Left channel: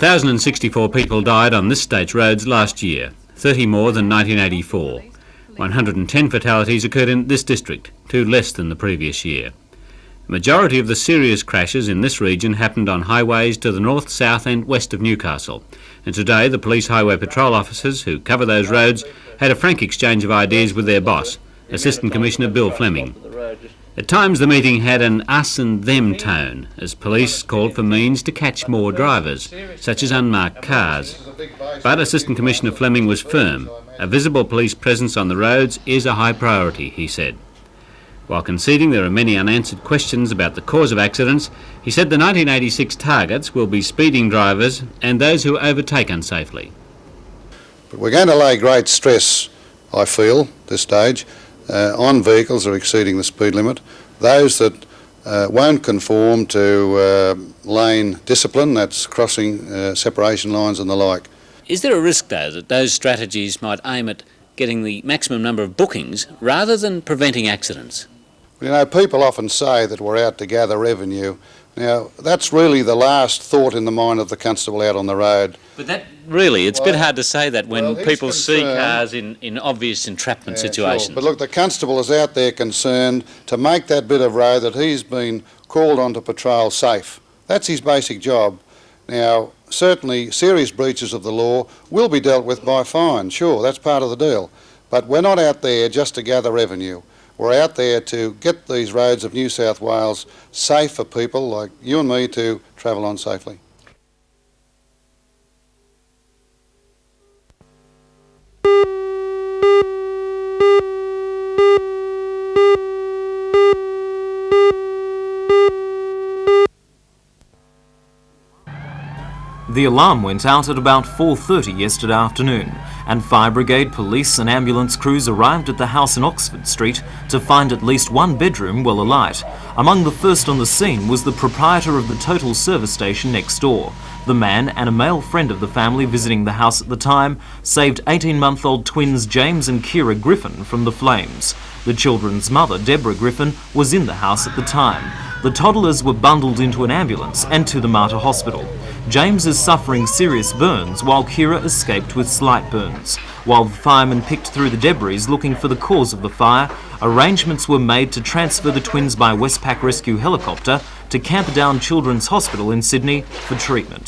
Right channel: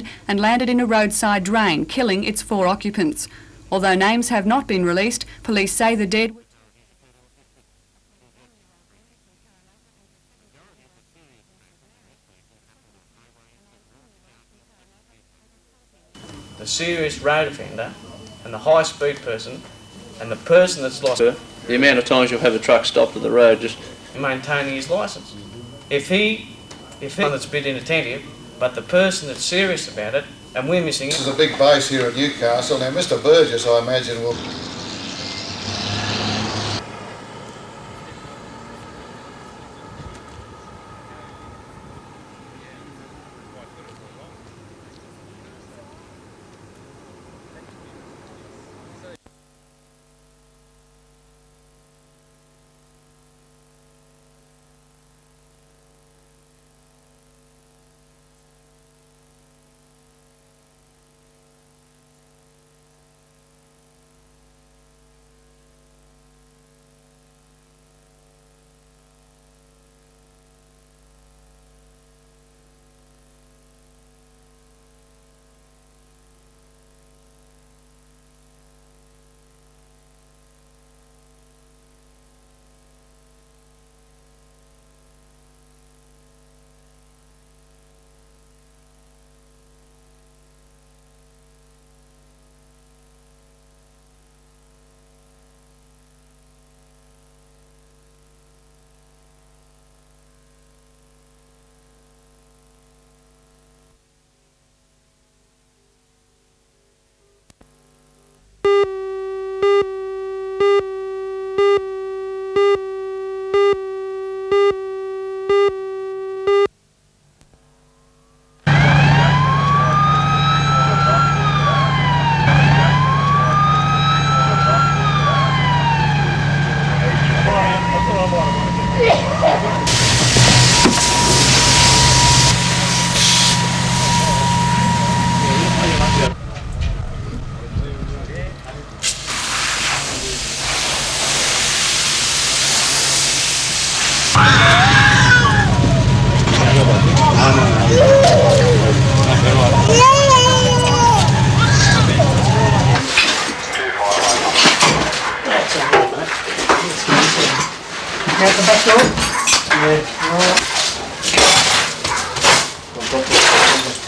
1,064 people died on this state's roads last year, 30 more than 1984. 110 fatalities occurred in this district, 2 less than the previous year. The majority of the serious crashes in this region happened on highways to the north, south and west of Newcastle. And today the police highway patrol officers who cover those roads had a frank exchange of ideas with their boss, Assistant Commissioner Bill Fleming. At times the meeting had an us and them tone, as police called for means to catch more drivers, such as unmarked cars. But Assistant Commissioner Fleming was firm. A visible police presence on the roads is a high priority, he said. While conceding there are many unanswered questions about the cause of accidents, he said the 1986 targets will be speeding drivers and those who overtake unsafely. But we're going to lay great stress, I feel, at this stage, on vehicles that are exceeding the speed limit, those that won't conform to lane discipline, that's crossing separation lines and the like. Is there a risk, though, that those strategies might aim at getting the maximum number of bookings rather than preventing accidents? You know, people often say that we're out to gather revenue. Now, that's really the last thought in the mind of the constable out on the road. But that really, it's a bit hard to say that when people see cars in obvious entrapment situations. Sure. But look, the constable is out there concerned to make that bit of road that he's been called on to patrol safe. That's his basic job. Now, certainly serious breaches of the law will be dealt with by fine, sure, that's part of the deal. But we're not out there just to gather revenue. We're out there to get these roads of New South Wales safe for people like you and me to travel on safely. The alarm went out at about 4:30 yesterday afternoon, and Fire Brigade, police and ambulance crews arrived at the house in Oxford Street to find at least one bedroom well alight. Among the first on the scene was the proprietor of the total service station next door. The man and a male friend of the family visiting the house at the time saved 18-month-old twins James and Kira Griffin from the flames. The children's mother, Deborah Griffin, was in the house at the time. The toddlers were bundled into an ambulance and to the Martyr Hospital. James is suffering serious burns, while Kira escaped with slight burns. While the firemen picked through the debris looking for the cause of the fire, arrangements were made to transfer the twins by Westpac Rescue helicopter to Camperdown Children's Hospital in Sydney for treatment.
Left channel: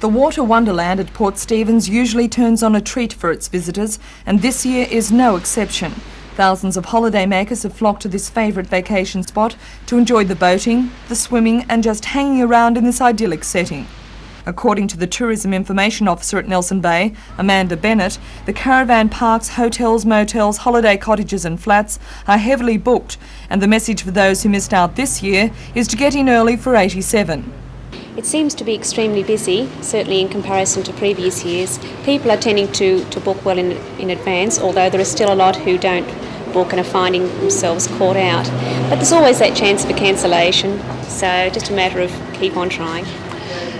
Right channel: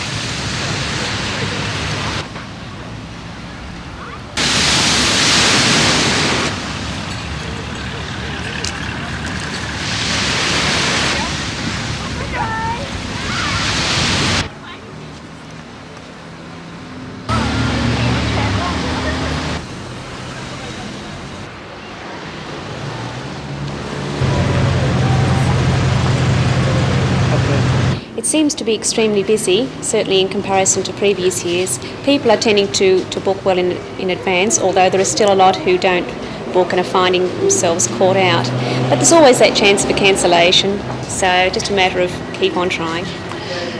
The water wonderland at Port Stephens usually turns on a treat for its visitors, and this year is no exception. Thousands of holidaymakers have flocked to this favoured vacation spot to enjoy the boating, the swimming and just hanging around in this idyllic setting. According to the Tourism Information Officer at Nelson Bay, Amanda Bennett, the caravan parks, hotels, motels, holiday cottages and flats are heavily booked, and the message for those who missed out this year is to get in early for 87. It seems to be extremely busy, certainly in comparison to previous years. People are tending to book well in advance, although there are still a lot who don't book and are finding themselves caught out. But there's always that chance of a cancellation, so just a matter of keep on trying.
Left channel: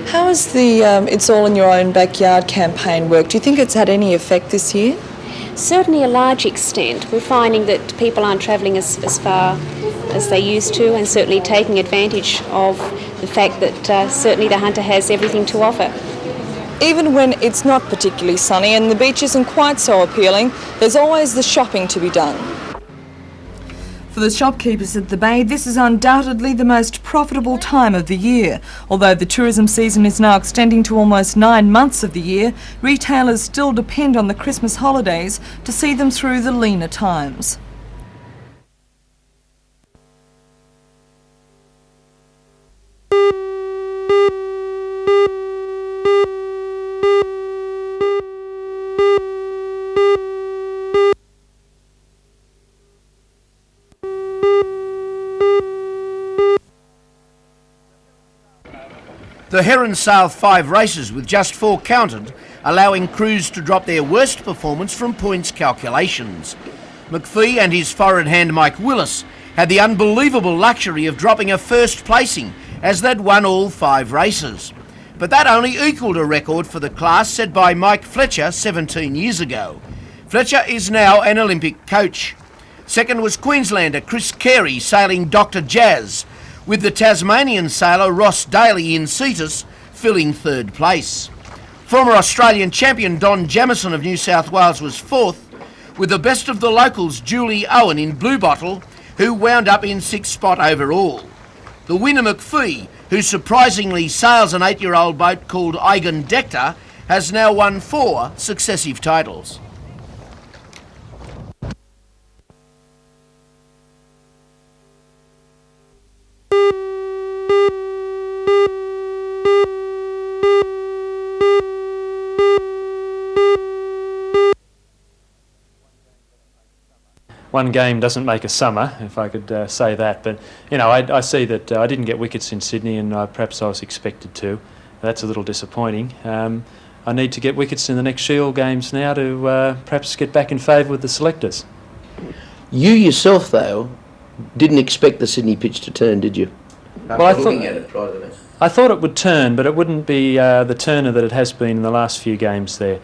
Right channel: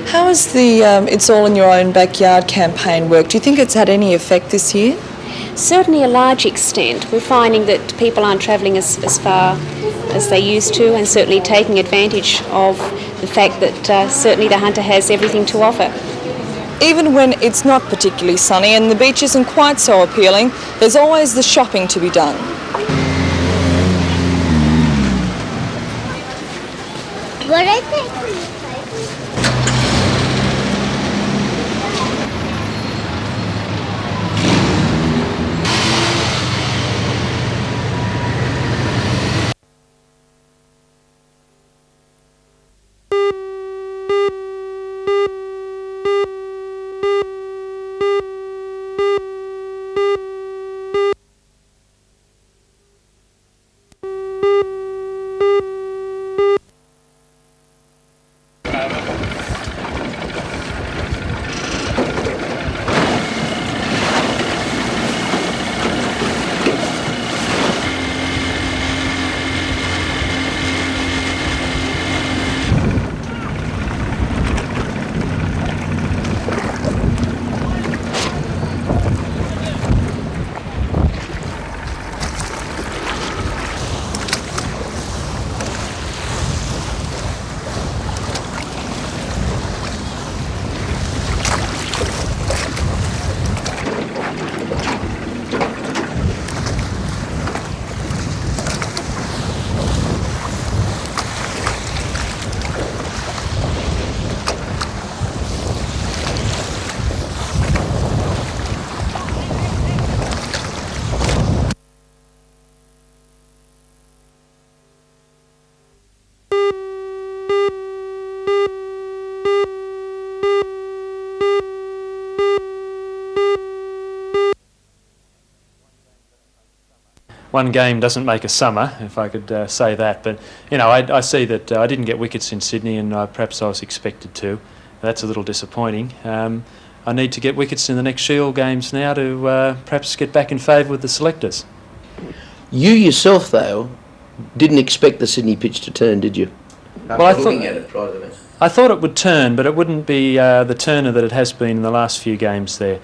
How has the It's All in Your Own Backyard campaign worked? Do you think it's had any effect this year? Certainly a large extent. We're finding that people aren't travelling as far as they used to, and certainly taking advantage of the fact that certainly the Hunter has everything to offer. Even when it's not particularly sunny and the beach isn't quite so appealing, there's always the shopping to be done. For the shopkeepers of the Bay, this is undoubtedly the most profitable time of the year. Although the tourism season is now extending to almost 9 months of the year, retailers still depend on the Christmas holidays to see them through the leaner times. The Heron sailed 5 races with just 4 counted, allowing crews to drop their worst performance from points calculations. McPhee and his foreign hand Mike Willis had the unbelievable luxury of dropping a first placing as they'd won all 5 races. But that only equalled a record for the class set by Mike Fletcher 17 years ago. Fletcher is now an Olympic coach. Second was Queenslander Chris Carey sailing Dr. Jazz, with the Tasmanian sailor Ross Daly in Cetus filling 3rd place. Former Australian champion Don Jamieson of New South Wales was 4th, with the best of the locals Julie Owen in Blue Bottle, who wound up in 6th spot overall. The winner McPhee, who surprisingly sails an 8-year-old boat called Eigen Dector, has now won 4 successive titles. One game doesn't make a summer, if I could say that, but you know, I see that I didn't get wickets in Sydney, and perhaps I was expected to. That's a little disappointing. I need to get wickets in the next Shield games now to perhaps get back in favour with the selectors. You yourself, though, didn't expect the Sydney pitch to turn, did you? Well, I thought it would turn, but it wouldn't be the turner that it has been in the last few games there.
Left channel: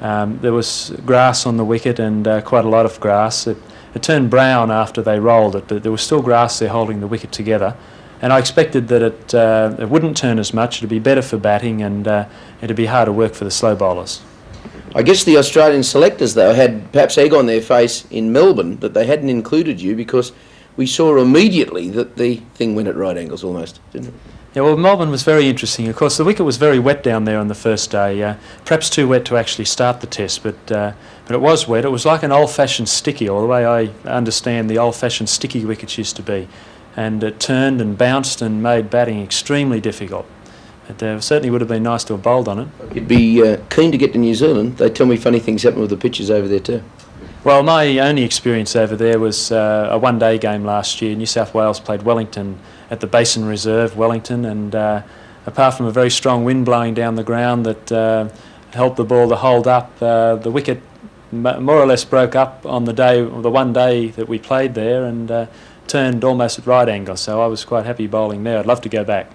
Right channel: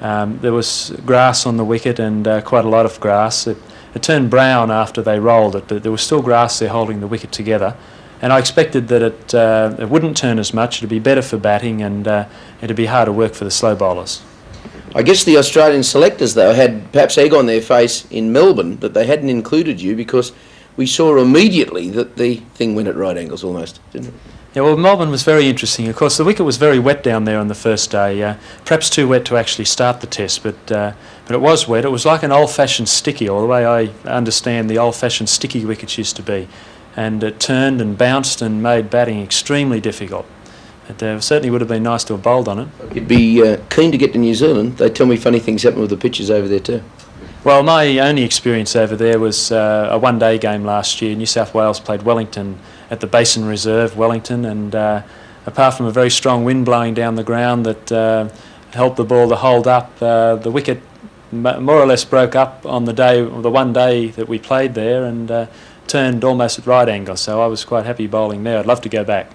There was grass on the wicket, and quite a lot of grass. It turned brown after they rolled it, but there was still grass there holding the wicket together. And I expected that it wouldn't turn as much. It'd be better for batting, and it'd be harder work for the slow bowlers. I guess the Australian selectors, though, had perhaps egg on their face in Melbourne that they hadn't included you, because we saw immediately that the thing went at right angles almost, didn't it? Yeah, well, Melbourne was very interesting. Of course, the wicket was very wet down there on the first day, perhaps too wet to actually start the test, but it was wet. It was like an old-fashioned sticky, or the way I understand the old-fashioned sticky wickets used to be, and it turned and bounced and made batting extremely difficult. It certainly would have been nice to have bowled on it. You'd be keen to get to New Zealand. They tell me funny things happen with the pitches over there too. Well, my only experience over there was a one-day game last year. New South Wales played Wellington at the Basin Reserve, Wellington, and apart from a very strong wind blowing down the ground that helped the ball to hold up, the wicket more or less broke up on the one day that we played there, and turned almost at right angle, so I was quite happy bowling there. I'd love to go back.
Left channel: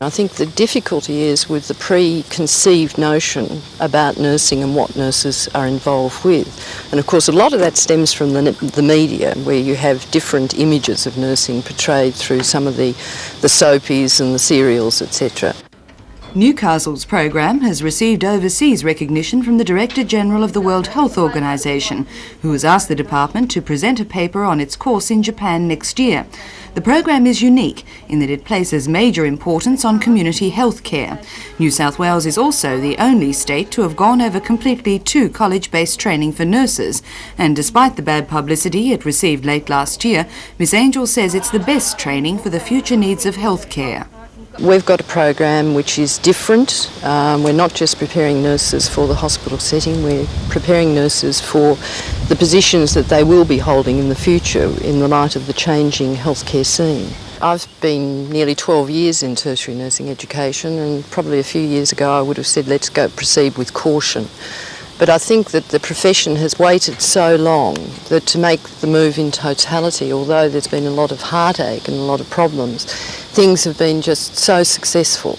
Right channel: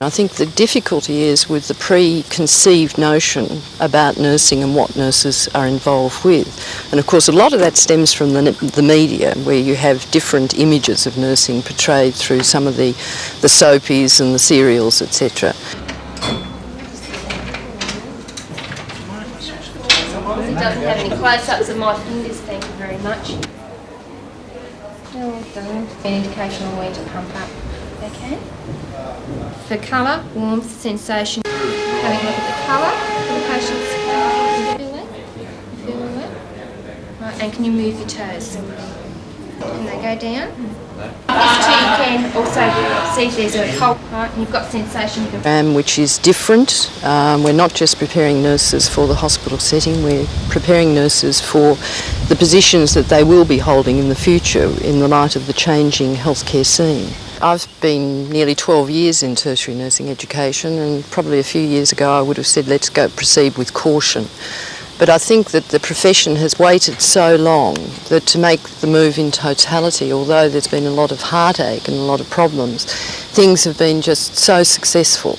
I think the difficulty is with the preconceived notion about nursing and what nurses are involved with. And of course a lot of that stems from the media, where you have different images of nursing portrayed through some of the soapies and the serials, etc. Newcastle's program has received overseas recognition from the Director General of the World Health Organization, who has asked the department to present a paper on its course in Japan next year. The program is unique in that it places major importance on community health care. New South Wales is also the only state to have gone over completely to college-based training for nurses, and despite the bad publicity it received late last year, Ms Angel says it's the best training for the future needs of health care. We've got a program which is different. We're not just preparing nurses for the hospital setting, we're preparing nurses for the positions that they will be holding in the future in the light of the changing healthcare scene. I've been nearly 12 years in tertiary nursing education, and probably a few years ago I would have said let's go proceed with caution. But I think that the profession has waited so long that to make the move in totality, although there's been a lot of heartache and a lot of problems, things have been just so successful.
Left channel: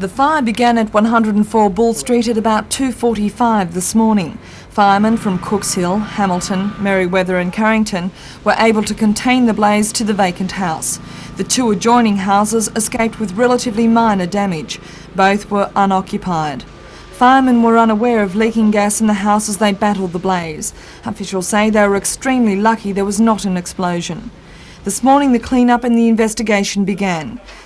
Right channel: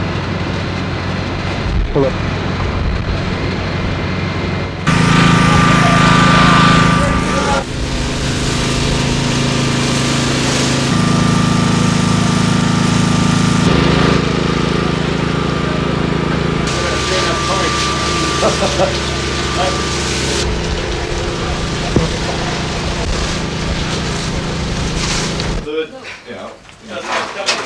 The fire began at 104 Bull Street at about 2:45 this morning. Firemen from Cookesville, Hamilton, Merriweather and Carrington were able to contain the blaze to the Bacon House. The two adjoining houses escaped with relatively minor damage. Both were unoccupied. Firemen were unaware of leaking gas in the house as they battled the blaze. Officials say they were extremely lucky there was not an explosion. This morning the clean-up and the investigation began.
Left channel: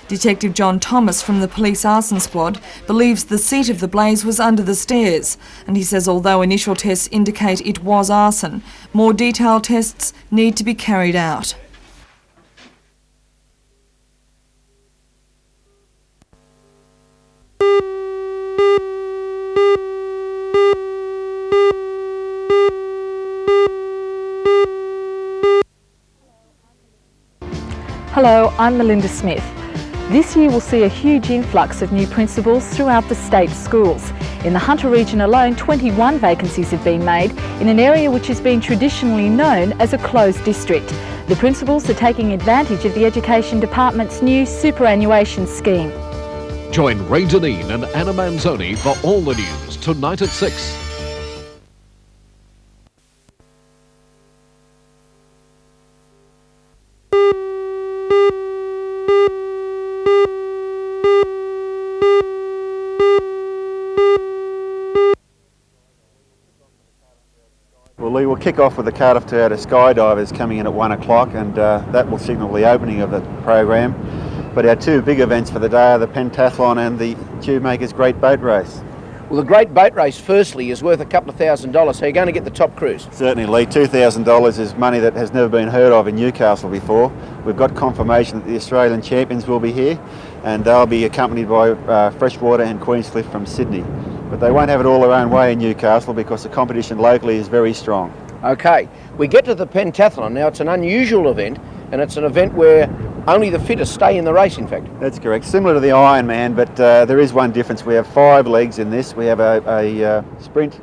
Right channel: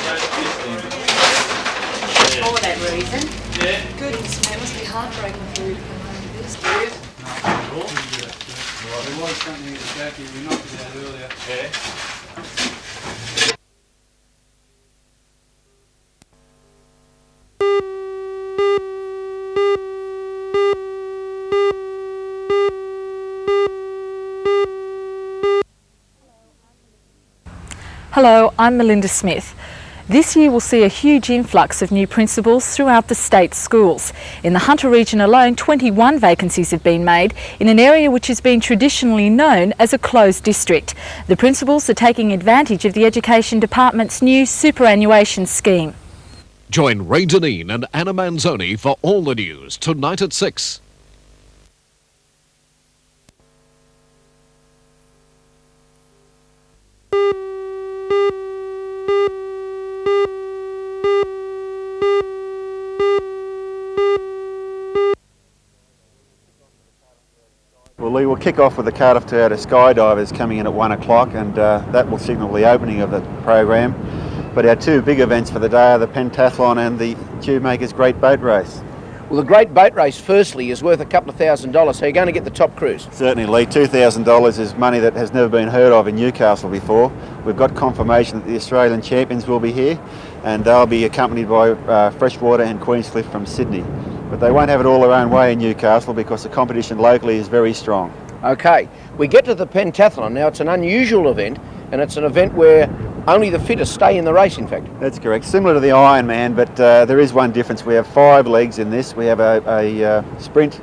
Detective John Thomas from the Police Arson Squad believes the seat of the blaze was under the stairs. And he says although initial tests indicate it was arson, more detailed tests need to be carried out. Hello, I'm Melinda Smith. This year will see a huge influx of new principals throughout the state schools. In the Hunter region alone, 21 vacancies have been made in an area which has been traditionally known as a closed district. The principals are taking advantage of the Education Department's new superannuation scheme. Join Ray Deneen and Anna Manzoni for all the news tonight at 6. Well, Lee, we'll kick off with the Cardiff Toyota Skydivers coming in at 1 o'clock, and that will signal the opening of the program. But our two big events for the day are the pentathlon and the Tube Makers Great Boat Race. Well, the Great Boat Race, firstly, is worth a couple of $1,000, so you're going to get the top cruise. Certainly, Lee. $2,000 is money that has never been heard of in Newcastle before. We've got confirmation that the Australian champions will be here, and they'll be accompanied by Freshwater and Queenscliff from Sydney. But they won't have it all their own way in Newcastle because the competition locally is very strong. Okay, we get to the pentathlon. Now, it's an unusual event, and it's an event where only the fittest stay in the race, in fact. That's correct. Similar to the Ironman, but there is one difference. We have 5 legs in this. We have a sprint,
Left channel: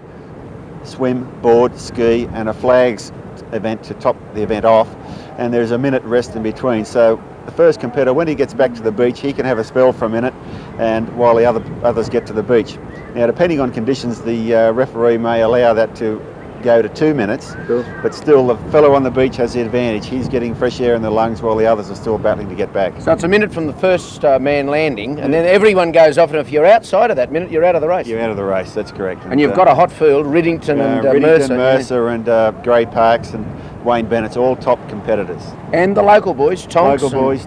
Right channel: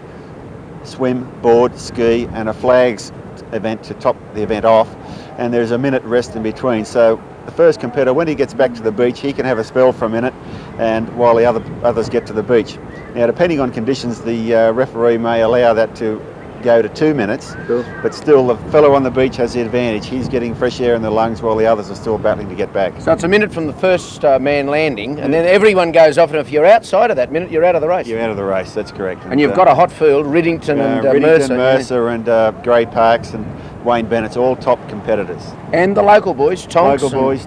swim, board, ski, and a flags event to top the event off, and there's a minute rest in between. So the first competitor, when he gets back to the beach, he can have a spell for a minute, and while the others get to the beach. Now, depending on conditions, the referee may allow that to go to 2 minutes, Cool. But still the fellow on the beach has the advantage. He's getting fresh air in the lungs while the others are still battling to get back. So it's a minute from the first man landing, and then everyone goes off, and if you're outside of that minute, you're out of the race. You're out of the race, that's correct. And you've got a hot field, Riddington and Mercer and Grey Parks and Wayne Bennett's, all top competitors. And the local boys, Tonks.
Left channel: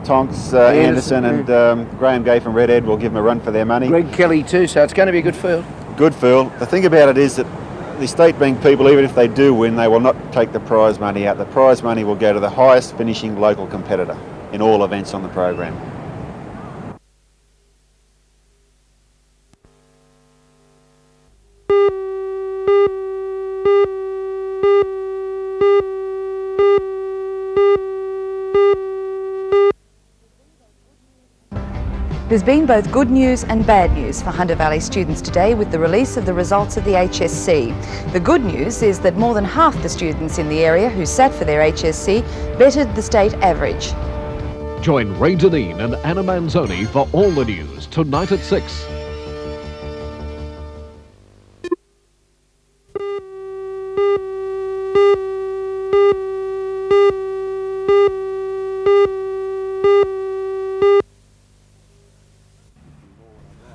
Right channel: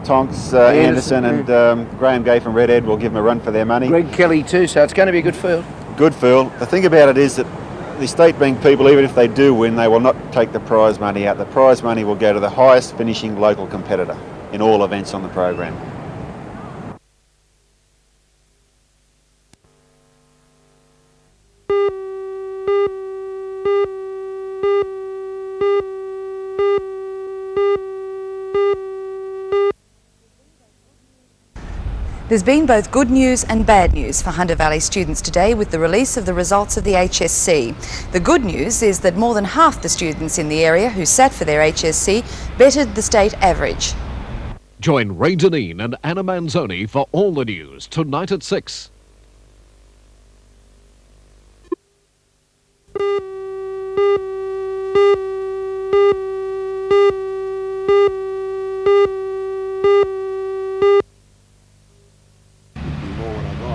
Tonks, Anderson and Graham Gay from Red Ed will give them a run for their money. Greg Kelly too, so it's going to be a good field. Good field. The thing about it is that the state bank people, even if they do win, they will not take the prize money out. The prize money will go to the highest finishing local competitor in all events on the program. There's been both good news and bad news for Hunter Valley students today with the release of the results of the HSC. The good news is that more than half the students in the area who sat for their HSC bettered the state average. Join Ray Deneen and Anna Manzoni for all the news tonight at 6.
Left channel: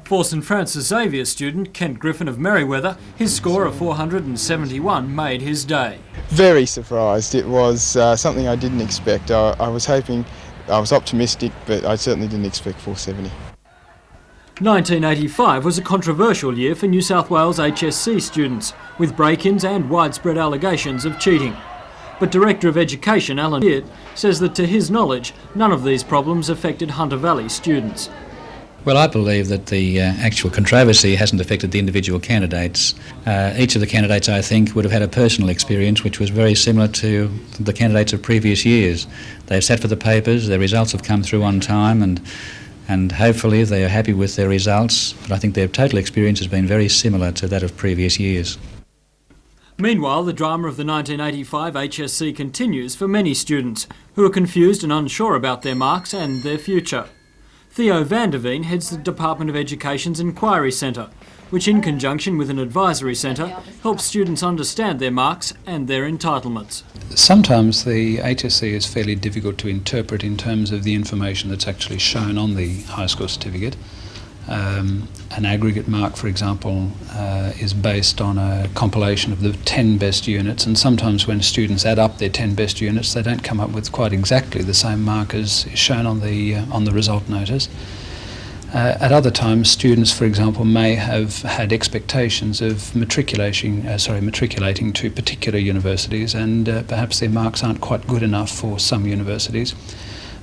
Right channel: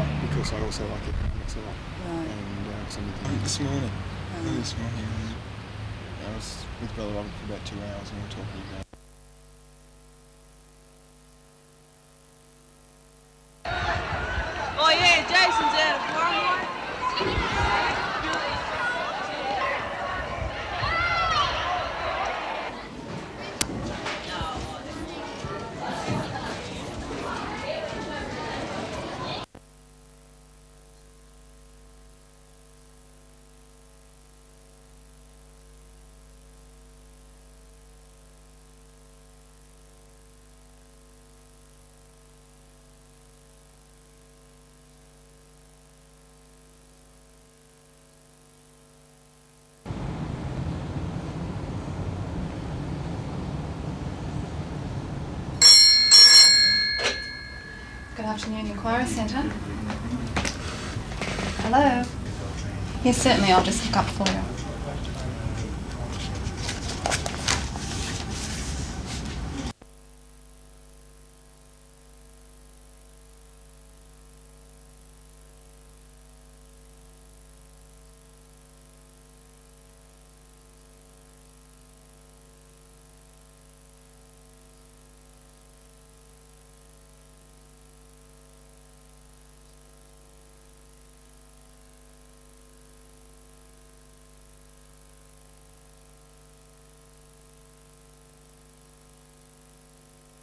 For St Francis Xavier student Kent Griffin of Merriweather, his score of 471 made his day. Very surprised. It was something I didn't expect. I was hoping, I was optimistic, but I certainly didn't expect 470. 1985 was a controversial year for New South Wales HSC students, with break-ins and widespread allegations of cheating. But Director of Education Alan Beard says that to his knowledge, none of these problems affected Hunter Valley students. Well, I believe that the actual controversy hasn't affected the individual candidates. Each of the candidates, I think, would have had a personal experience which was very similar to the candidates of previous years. They've sat for the papers, their results have come through on time, and hopefully they are happy with their results, but I think their total experience has been very similar to that of previous years. Meanwhile, the drama of the 1985 HSC continues for many students who are confused and unsure about their marks and their future. Theo Vanderveen heads the Department of Education's Inquiry Centre, which in conjunction with an advisory centre helps students understand their marks and their entitlements. Sometimes the HSC is fairly difficult to interpret in terms of the information that's actually shown on the high school certificate. An aggregate mark, for example, is based on a compilation of the 10 best units, and sometimes when students add up their 10 best units, they don't come up with quite exactly the same mark as is shown on the result notice. At other times, students, for example, may have had expectations of matriculating to particular universities, and perhaps their marks aren't quite good enough for some universities,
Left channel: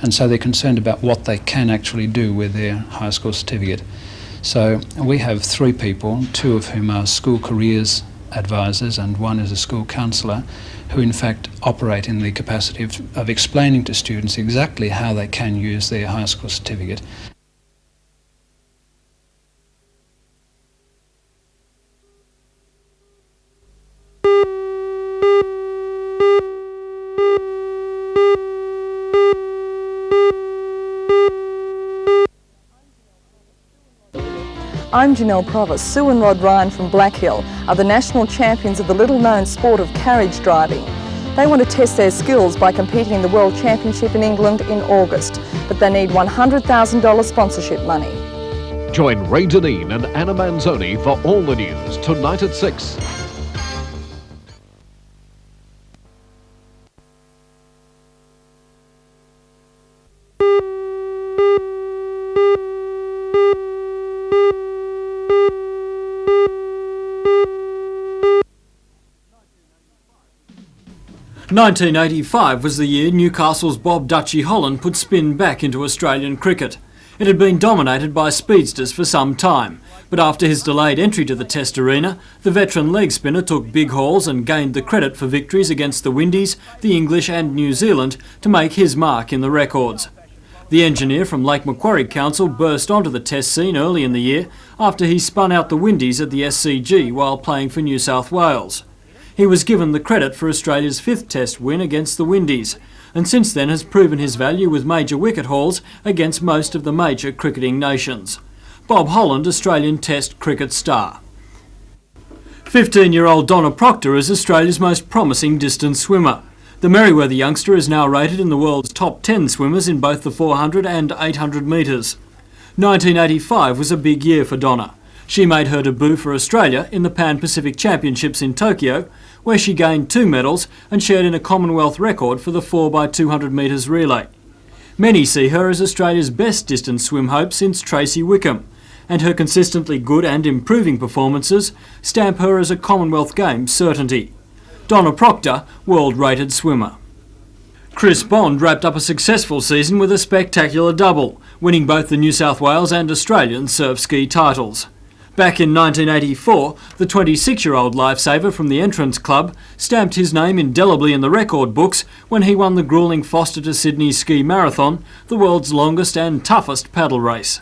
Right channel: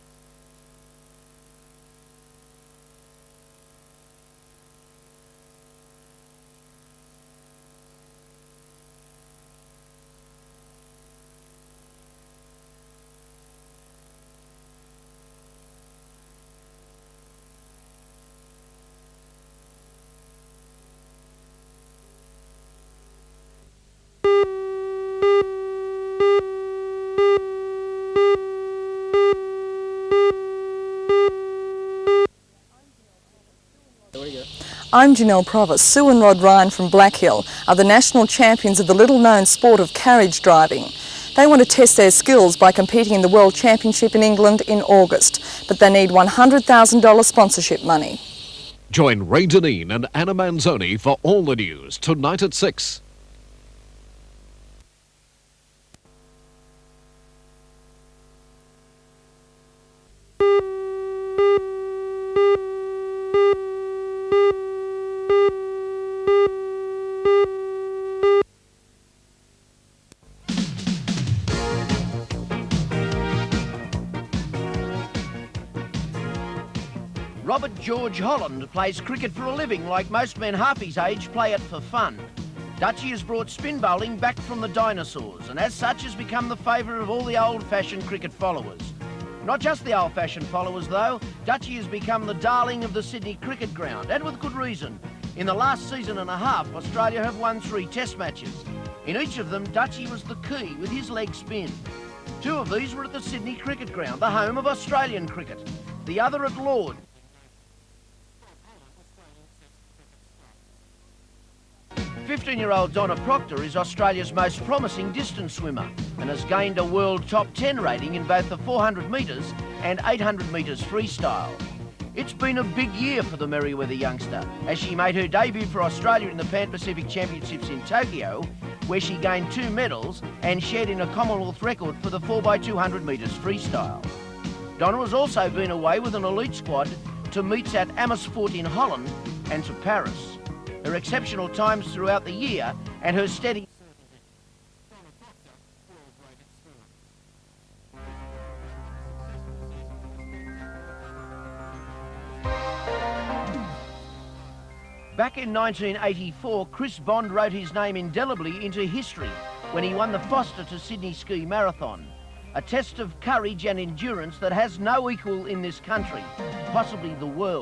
and so they're concerned about what they can actually do with their high school certificate. So we have 3 people, 2 of whom are school careers advisors and 1 is a school counsellor, who in fact operate in the capacity of explaining to students exactly how they can use their high school certificate. I'm Janelle Provis. Sue and Rod Ryan from Black Hill are the national champions of the little-known sport of carriage driving. They want to test their skills by competing in the World Championship in England in August, but they need $100,000 sponsorship money. Join Ray Deneen and Anna Manzoni for all the news tonight at 6. (1985) was the year Newcastle's Bob Dutchy Holland put spin back into Australian cricket. It had been dominated by speedsters for some time, but after his delayed entry to the Test arena, the veteran leg spinner took big hauls and gained the credit for victories against the Windies, the English and New Zealand to make his mark in the records. The engineer from Lake Macquarie Council burst onto the Test scene early in the year after he spun out the Windies at the SCG while playing for New South Wales. He was given the credit for Australia's 5th Test win against the Windies, and since then has proven his value with major wicket hauls against most of the major cricketing nations. Bob Holland, Australian Test cricket star. 15-year-old Donna Proctor is Australia's most promising distance swimmer. The Merriweather youngster is now rated in the world's top 10 swimmers in both the 400 and 800 metres. 1985 was a big year for Donna. She made her debut for Australia in the Pan-Pacific Championships in Tokyo, where she gained 2 medals and shared in a Commonwealth record for the 4x200 metres relay. Many see her as Australia's best distance swim hope since Tracy Wickham, and her consistently good and improving performances stamp her as a Commonwealth Games certainty. Donna Proctor, world-rated swimmer. Chris Bond wrapped up a successful season with a spectacular double, winning both the New South Wales and Australian surf ski titles. Back in 1984, the 26-year-old lifesaver from the Entrance Club stamped his name indelibly in the record books when he won the gruelling Foster to Sydney Ski Marathon, the world's longest and toughest paddle race.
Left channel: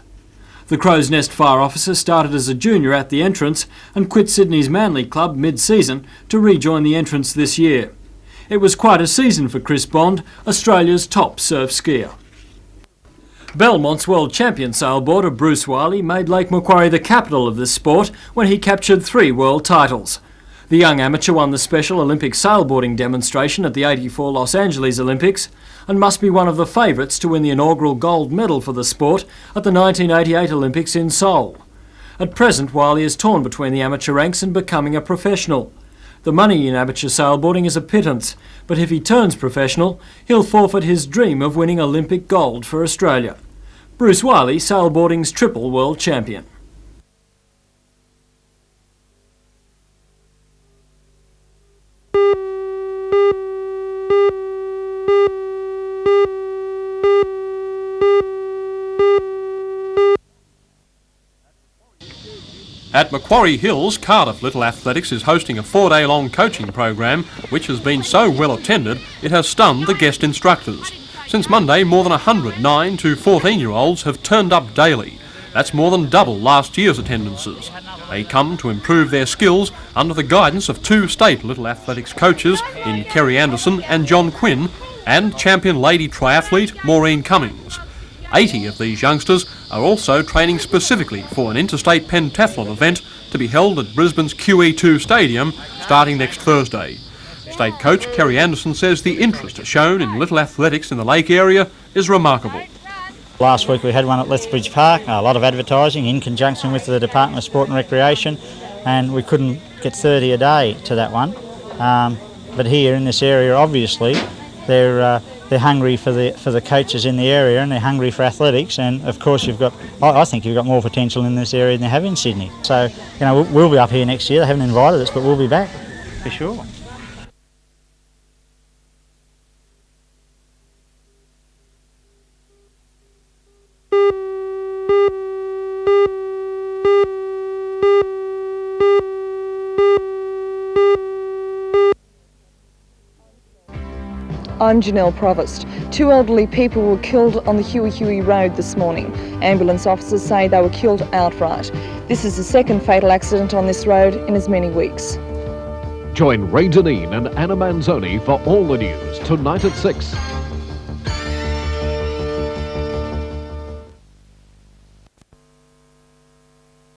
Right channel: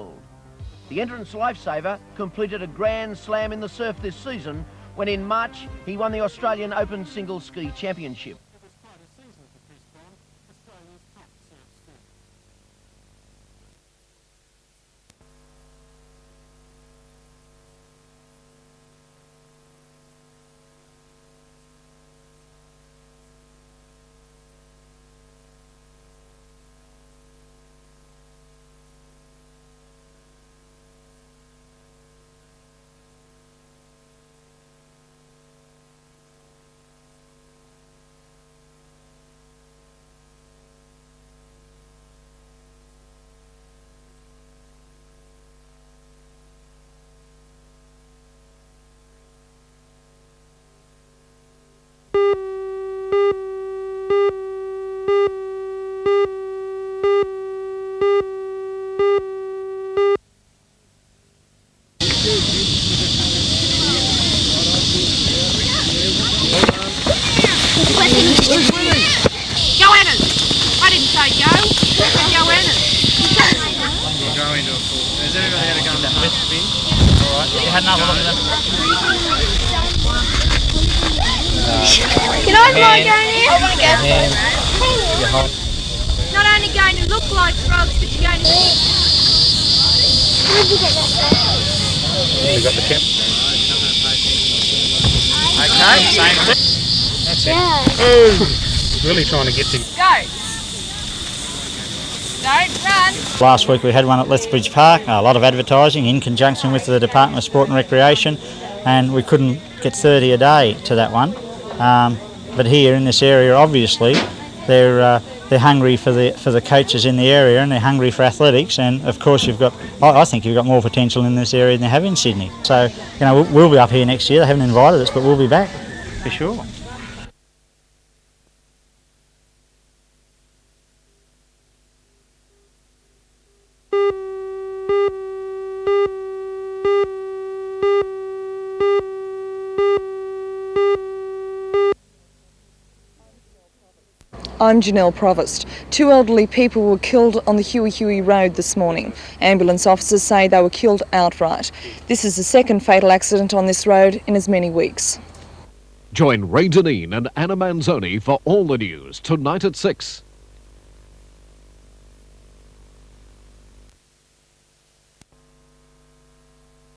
The Crow's Nest fire officer started as a junior at the Entrance and quit Sydney's Manly Club mid-season to rejoin the Entrance this year. It was quite a season for Chris Bond, Australia's top surf skier. Belmont's world champion sailboarder Bruce Wiley made Lake Macquarie the capital of this sport when he captured 3 world titles. The young amateur won the Special Olympic sailboarding demonstration at the '84 Los Angeles Olympics and must be one of the favourites to win the inaugural gold medal for the sport at the 1988 Olympics in Seoul. At present, Wiley is torn between the amateur ranks and becoming a professional. The money in amateur sailboarding is a pittance, but if he turns professional, he'll forfeit his dream of winning Olympic gold for Australia. Bruce Wiley, sailboarding's triple world champion. At Macquarie Hills, Cardiff Little Athletics is hosting a 4-day-long coaching program which has been so well attended it has stunned the guest instructors. Since Monday, more than 100 9 to 14-year-olds have turned up daily. That's more than double last year's attendance. They come to improve their skills under the guidance of 2 state Little Athletics coaches, Kerry Anderson and John Quinn, and champion lady triathlete Maureen Cummings. 80 of these youngsters are also training specifically for an interstate pentathlon event to be held at Brisbane's QE2 Stadium starting next Thursday. State coach Kerry Anderson says the interest shown in little athletics in the lake area is remarkable. Last week we had one at Lethbridge Park, a lot of advertising in conjunction with the Department of Sport and Recreation, and we couldn't get 30 a day to that one. But here in this area, obviously, they're they're hungry for the coaches in the area, and they're hungry for athletics. And of course, I think you've got more potential in this area than you have in Sydney. So, we'll be up here next year. They haven't invited us, but we'll be back for sure. I'm Janelle Provost. 2 elderly people were killed on the Huey Road this morning. Ambulance officers say they were killed outright. This is the second fatal accident on this road in as many weeks. Join Ray Deneen and Anna Manzoni for all the news tonight at 6.